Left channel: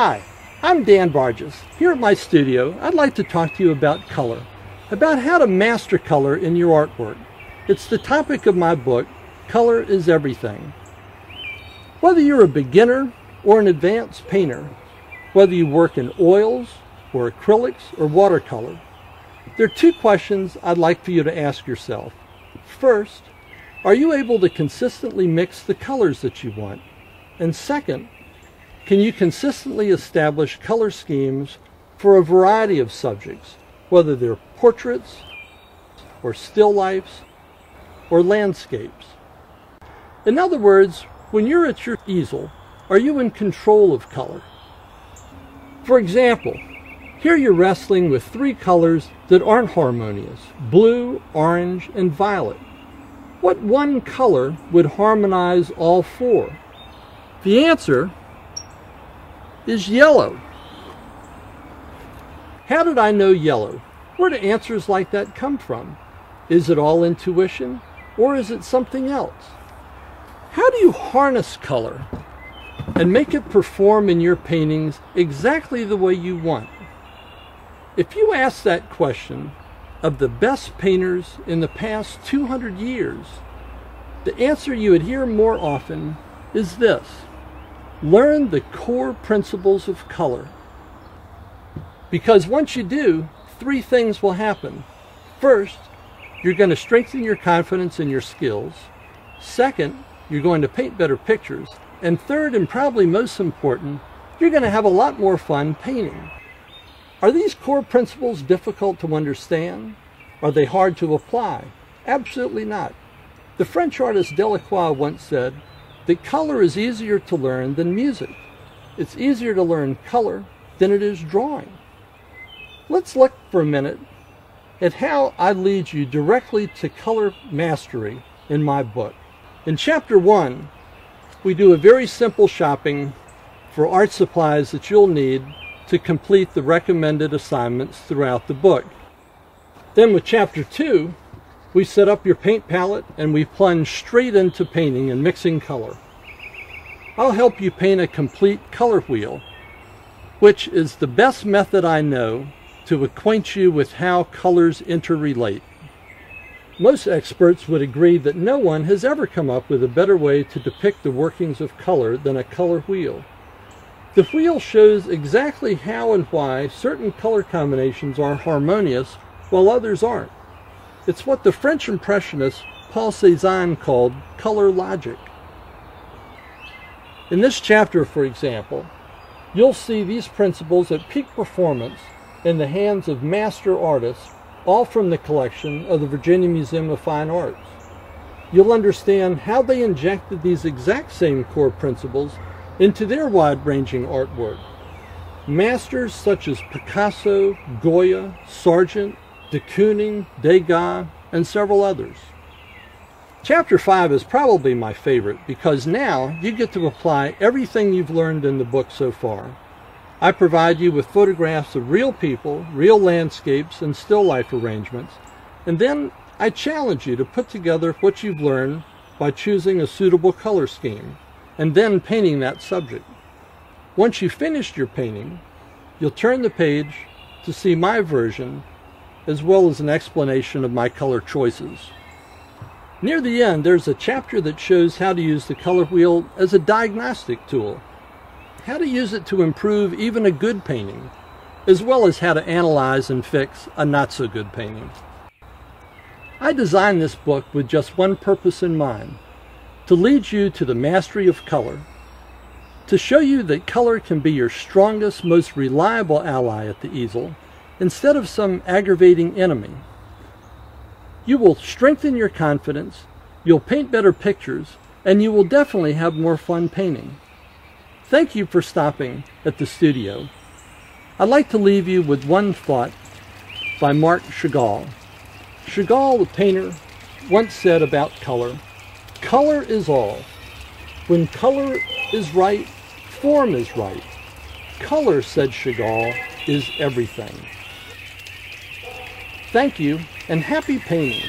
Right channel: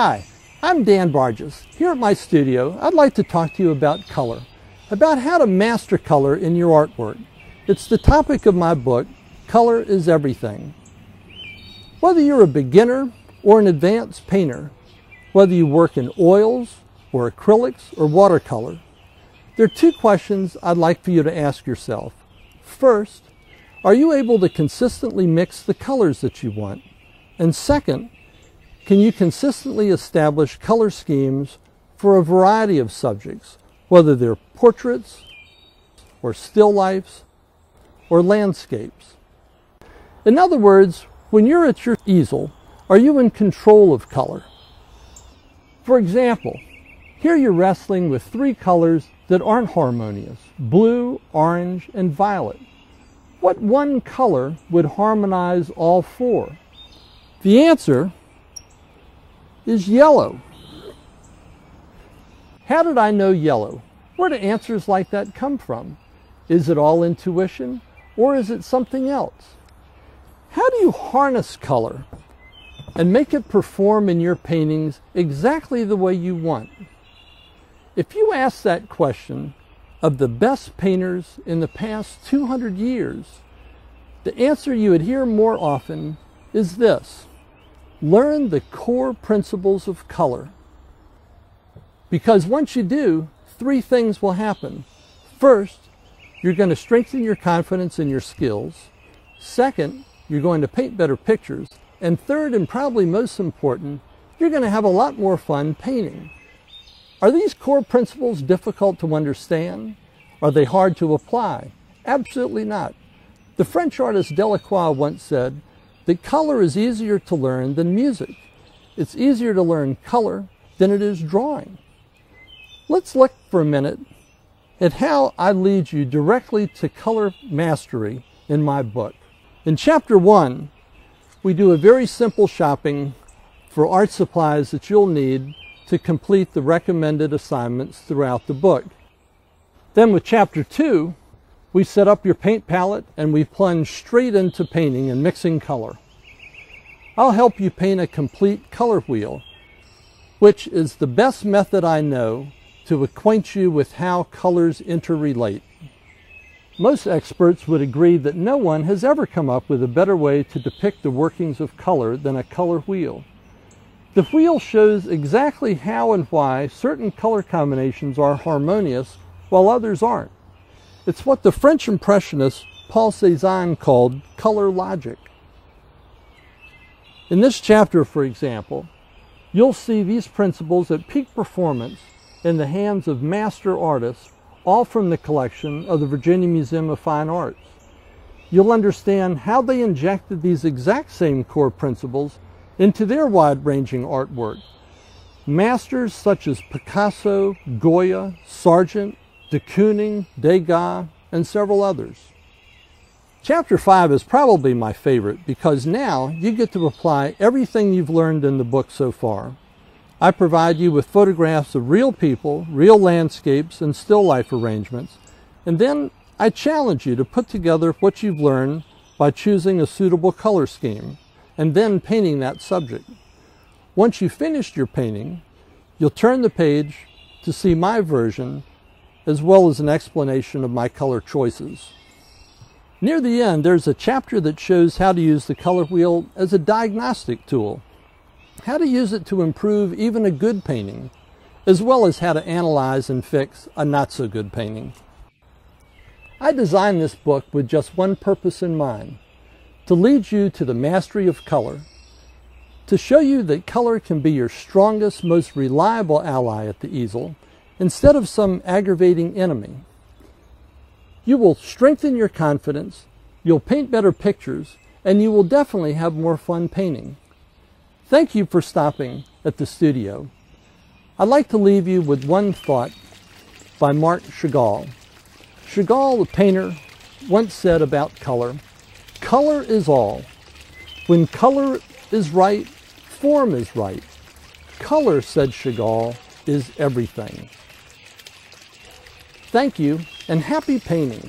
Hi, I'm Dan Bartges. Here at my studio, I'd like to talk to you about color, about how to master color in your artwork. It's the topic of my book, Color is Everything. Whether you're a beginner or an advanced painter, whether you work in oils or acrylics or watercolor, there are two questions I'd like for you to ask yourself. First, are you able to consistently mix the colors that you want? And second, can you consistently establish color schemes for a variety of subjects, whether they're portraits or still lifes or landscapes? In other words, when you're at your easel, are you in control of color? For example, here you're wrestling with three colors that aren't harmonious: blue, orange, and violet. What one color would harmonize all four? The answer is yellow. How did I know yellow? Where do answers like that come from? Is it all intuition, or is it something else? How do you harness color and make it perform in your paintings exactly the way you want? If you ask that question of the best painters in the past 200 years, the answer you would hear more often is this: learn the core principles of color. Because once you do, three things will happen. First, you're going to strengthen your confidence in your skills. Second, you're going to paint better pictures. And third, and probably most important, you're going to have a lot more fun painting. Are these core principles difficult to understand? Are they hard to apply? Absolutely not. The French artist Delacroix once said that color is easier to learn than music. It's easier to learn color than it is drawing. Let's look for a minute at how I lead you directly to color mastery in my book. In Chapter 1, we do a very simple shopping for art supplies that you'll need to complete the recommended assignments throughout the book. Then with Chapter 2, we set up your paint palette and we plunge straight into painting and mixing color. I'll help you paint a complete color wheel, which is the best method I know to acquaint you with how colors interrelate. Most experts would agree that no one has ever come up with a better way to depict the workings of color than a color wheel. The wheel shows exactly how and why certain color combinations are harmonious while others aren't. It's what the French impressionist Paul Cézanne called color logic. In this chapter, for example, you'll see these principles at peak performance in the hands of master artists, all from the collection of the Virginia Museum of Fine Arts. You'll understand how they injected these exact same core principles into their wide-ranging artwork. Masters such as Picasso, Goya, Sargent, de Kooning, Degas, and several others. Chapter 5 is probably my favorite because now you get to apply everything you've learned in the book so far. I provide you with photographs of real people, real landscapes, and still life arrangements, and then I challenge you to put together what you've learned by choosing a suitable color scheme, and then painting that subject. Once you've finished your painting, you'll turn the page to see my version, as well as an explanation of my color choices. Near the end, there's a chapter that shows how to use the color wheel as a diagnostic tool, how to use it to improve even a good painting, as well as how to analyze and fix a not-so-good painting. I designed this book with just one purpose in mind: to lead you to the mastery of color, to show you that color can be your strongest, most reliable ally at the easel, instead of some aggravating enemy. You will strengthen your confidence, you'll paint better pictures, and you will definitely have more fun painting. Thank you for stopping at the studio. I'd like to leave you with one thought by Marc Chagall. Chagall, the painter, once said about color, "Color is all. When color is right, form is right. Color," said Chagall, "is everything." Thank you, and happy painting.